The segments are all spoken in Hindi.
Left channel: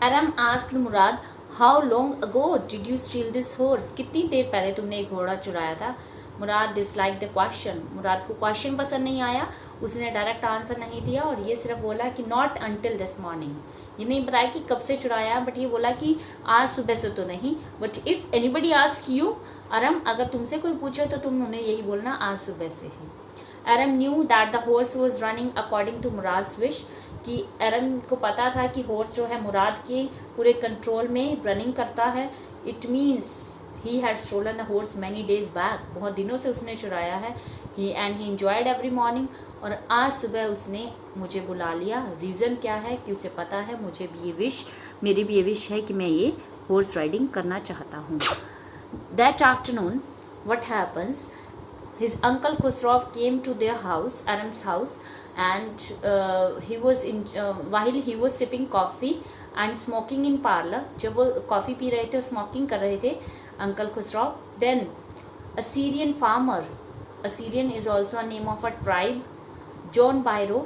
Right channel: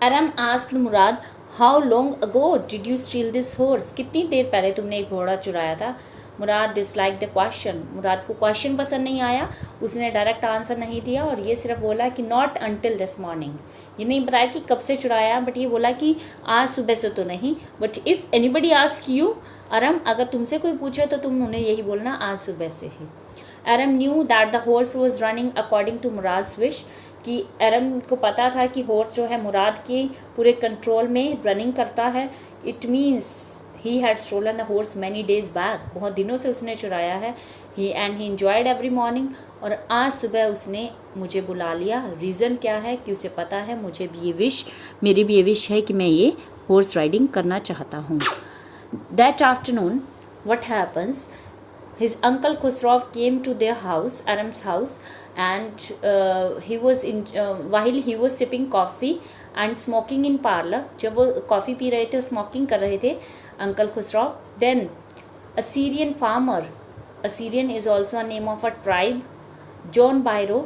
Aram asked Murad, "How long ago did you steal this horse?" कितनी देर पहले तुमने एक घोड़ा चुराया था? मुराद डिसलाइक द क्वेश्चन। मुराद को क्वेश्चन पसंद नहीं आया, उसने डायरेक्ट आंसर नहीं दिया और ये सिर्फ बोला कि नॉट अंटिल दिस मॉर्निंग। ये नहीं बताया कि कब से चुराया, बट ये बोला कि आज सुबह से तो नहीं। But if anybody ask you, Aram, अगर तुमसे कोई पूछे तो तुम उन्हें यही बोलना, आज सुबह से ही। Aram knew that the horse was running according to Murad's wish, कि एरम को पता था कि हॉर्स जो है मुराद के पूरे कंट्रोल में रनिंग करता है। It means he had stolen the horse many days back, बहुत दिनों से उसने चुराया है। ही एंजॉयड एवरी मॉर्निंग, और आज सुबह उसने मुझे बुला लिया। रीज़न क्या है कि उसे पता है मुझे भी ये विश, मेरी भी ये विश है कि मैं ये हॉर्स राइडिंग करना चाहता हूँ। That afternoon what happens, his uncle Khusraw came to their house, Aram's house, and while he was sipping coffee and smoking in parlor, जब वो कॉफ़ी पी रहे थे और स्मोकिंग कर रहे थे uncle Khusrau, then a Syrian farmer, Assyrian is also a name of a tribe, John Byro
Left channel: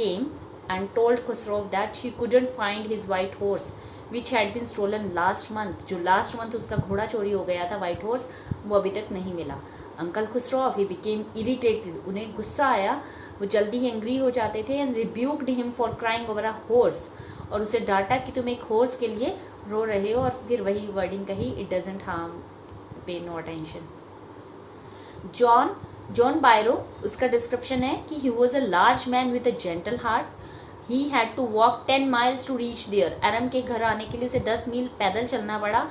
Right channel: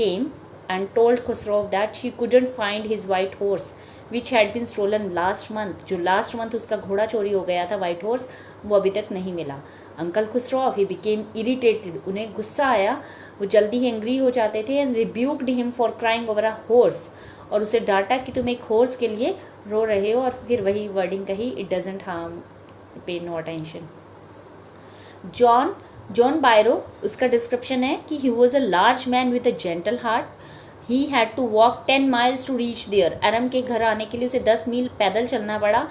came and told Khusrau that he couldn't find his white horse which had been stolen last month. जो लास्ट मंथ उसका घोड़ा चोरी हो गया था, वाइट हॉर्स, वो अभी तक नहीं मिला। Uncle Khusrau he became irritated, उन्हें गुस्सा आया, वो जल्दी ही एंग्री हो जाते थे। And rebuked him for crying over a horse, और उसे डांटा कि तुम एक हॉर्स के लिए रो रहे हो, और फिर वही वर्डिंग कही, it doesn't harm, pay no attention. John Byro, उसका डिस्क्रिप्शन है कि he was a large man with a gentle heart, he had to walk 10 miles to reach there. Aram के घर आने के लिए उसे 10 मील पैदल चलना पड़ा,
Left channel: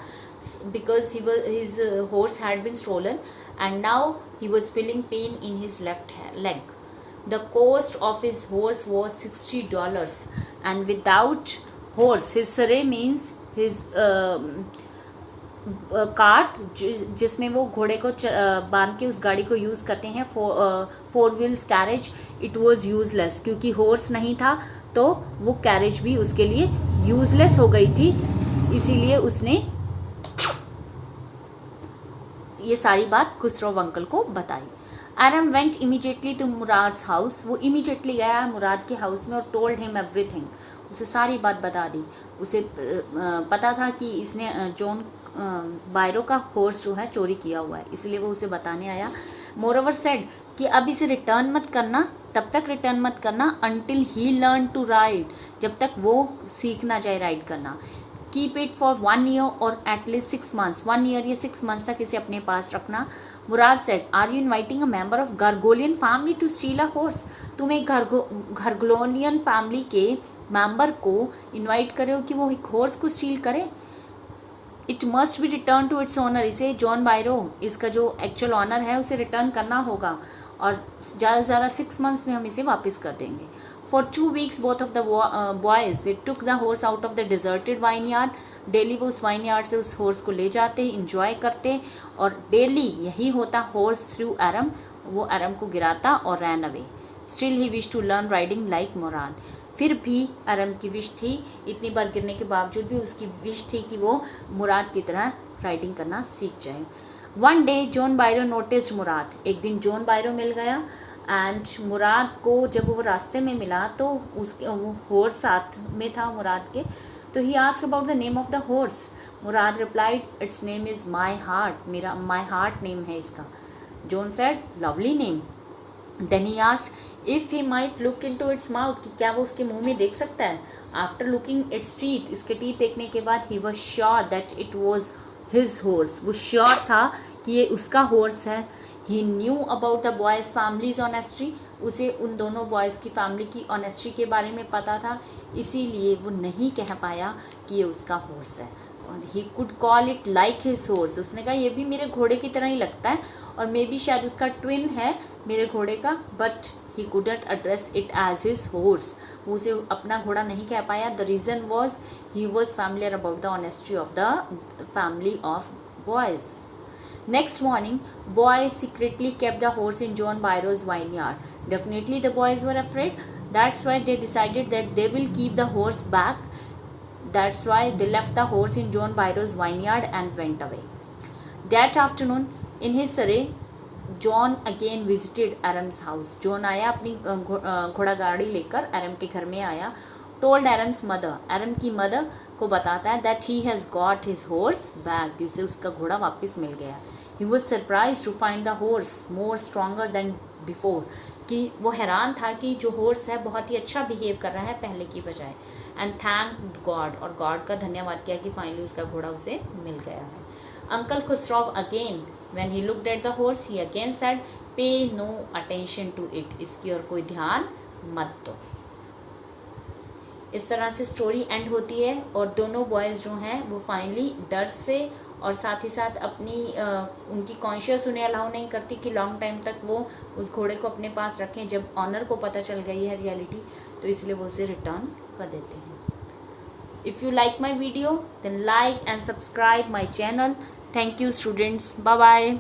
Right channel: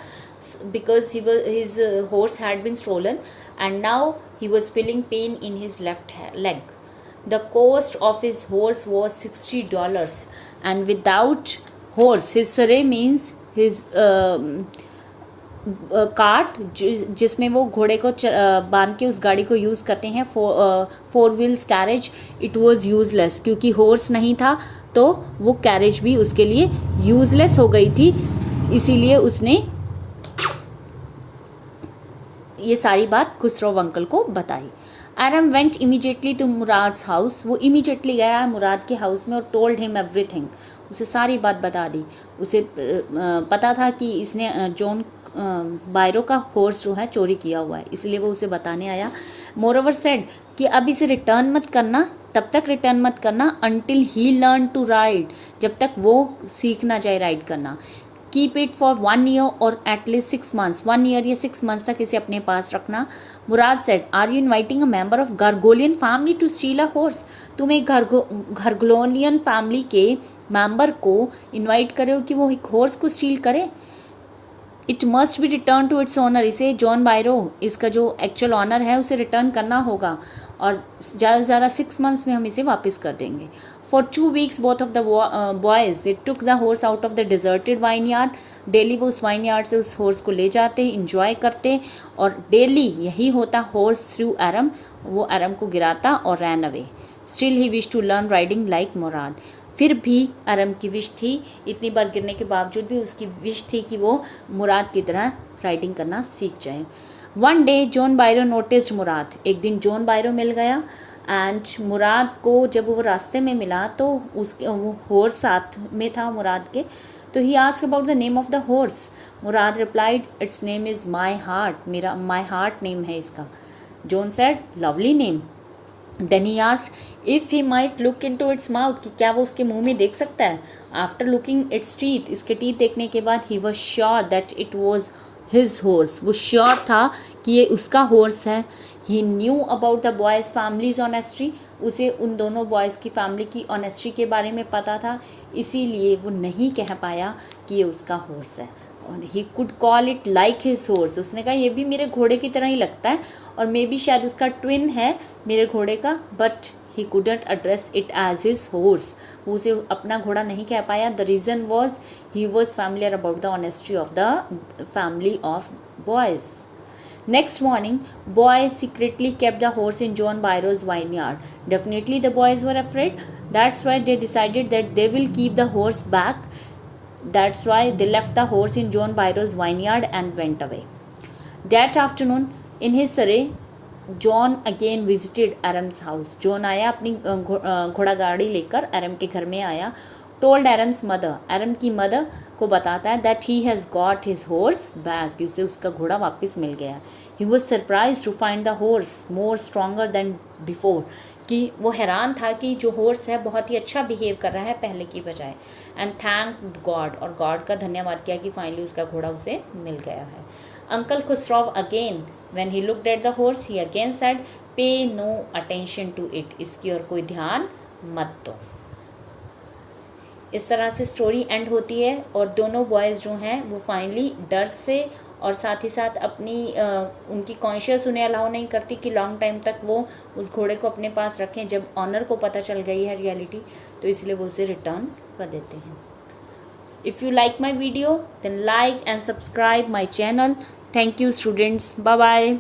because his horse had been stolen and now he was feeling pain in his left leg. The cost of his horse was $60, and without horse, his saray means his cart, जिसमें वो घोड़े को बांध के उस गाड़ी को यूज़ करते हैं, four wheels carriage, it was useless, क्योंकि हॉर्स नहीं था तो वो कैरेज भी उसके लिए यूजलेस हो गई थी। इसीलिए उसने ये सारी बात खुसरौ अंकल को बताई। एरम went immediately to Murad's house, वो इमीडिएटली गया मुराद के हाउस में और टोल्ड हिम एवरीथिंग, उसे सारी बात बता दी। उसे पता था कि इसने जॉन बायरो का हॉर्स जो है चोरी किया हुआ है, इसलिए वो उसे बताने आया। मोरओवर सेड कि अब इसे रिटर्न मत करना, तब तक रिटर्न मत करना until he learn to ride, जब तक वो सीख ना जाए राइड करना। कीप इट फॉर 1 year और एटलीस्ट 6 months, 1 year या 6 months तक इसे अपने पास रखना। Mourad said, are you inviting a member of Garoghlanian family to steal a horse, तुम एक गार्गोलियन फैमिली के मेंबर को इन्वाइट करे हो कि वो एक हॉर्स को स्टील करे? It must be return to its owner, इसे जॉन बायरो, इसका जो एक्चुअल ऑनर है उसे रिटर्न करना होगा, और ज़्यादा से ज़्यादा 6 months में हम इसे वापस कर देंगे। For 2 weeks both of the boys they took the horse out of the deserted wine yard, daily वो उस वाइन यार्ड से उस हॉर्स को ले जाते, इंजॉय करते, और डेली यही होता हॉर्स थ्रू एरम, वो एरम को गिराता और ran away. Still he wish to learn riding like Mourad, फिर भी अरम की विश थी, इतनी बार गिरने के बावजूद भी उसकी विश थी कि वो मुराद की तरह राइडिंग करना सीख जाए। वन डे जॉन बायरो नोटिस्ड मुराद, एक दिन जॉन बायरो मिल गया, एंड मुराद को जब वो रास्ते में मिला तो उसके वो हॉर्स साथ में था मुराद के, तो he asked about the name of the horse. Murad replied, its name is my heart, मेरा माई हार्ट नेम है इसका। John said, lovely name. Then he asked if he might look into its mouth, कि क्या वो उसके मुंह में देख सकता है। आफ्टर लुकिंग इट्स टीथ, इसके टीथ देखने के बाद he was sure that it was his horse, वो श्योर था कि ये उसका हॉर्स है। He knew about the boys families honesty, उसे उन दोनों बॉयज़ की फैमिली की ऑनेस्टी के बारे में पता था, इसीलिए वो नहीं कह पाया कि ये उसका हॉर्स है। और he could call it like his horse, उसने कहा ये भी मेरे घोड़े की तरह ही लगता है, और मे बी शायद उसका ट्विन है मेरे घोड़े का, but he couldn't address it as his horse, वो उसे अपना घोड़ा नहीं कह पाया। The reason was he was familiar about the honesty of the family of boys. Next morning, boys secretly kept the horse in John Byro's vineyard. Definitely the boys were afraid. That's why they decided that they will keep the horse back. That's why they left the horse in John Byro's vineyard and went away. That afternoon, in his surrey, John again visited Aram's house, John आया अपनी घोड़ा गाड़ी लेकर एरम के घर में आया। टोल्ड एरम्स मदर, एरम की मदर को बताता है that he has got his horse back, कि उसे उसका घोड़ा वापस मिल गया। He was surprise to find the horse more stronger than before, कि वो हैरान था कि जो हॉर्स है बहुत ही अच्छा बिहेव कर रहा है पहले की बजाय। एंड थैंक गॉड, और गॉड का धन्यवाद किया कि फाइनली उसका घोड़ा उसे मिल गया है। Uncle Khusro again when he looked at the horse he again said पे नो अटेंशन टू इट, इसकी ओर कोई ध्यान मत दो। इस तरह से स्टोरी एंड होती है और दोनों बॉयज़ जो हैं वो फाइनली डर से और साथ ही साथ अपनी उनकी कॉन्शियस उन्हें अलाउ नहीं करती कि लॉन्ग टाइम तक वो उस घोड़े को अपने पास रखें। जब ऑनर को पता चल गई है रियलिटी तो इसलिए वो उसे रिटर्न कर देते हैं। If you like my video then like and subscribe my channel. Thank you students, bye bye.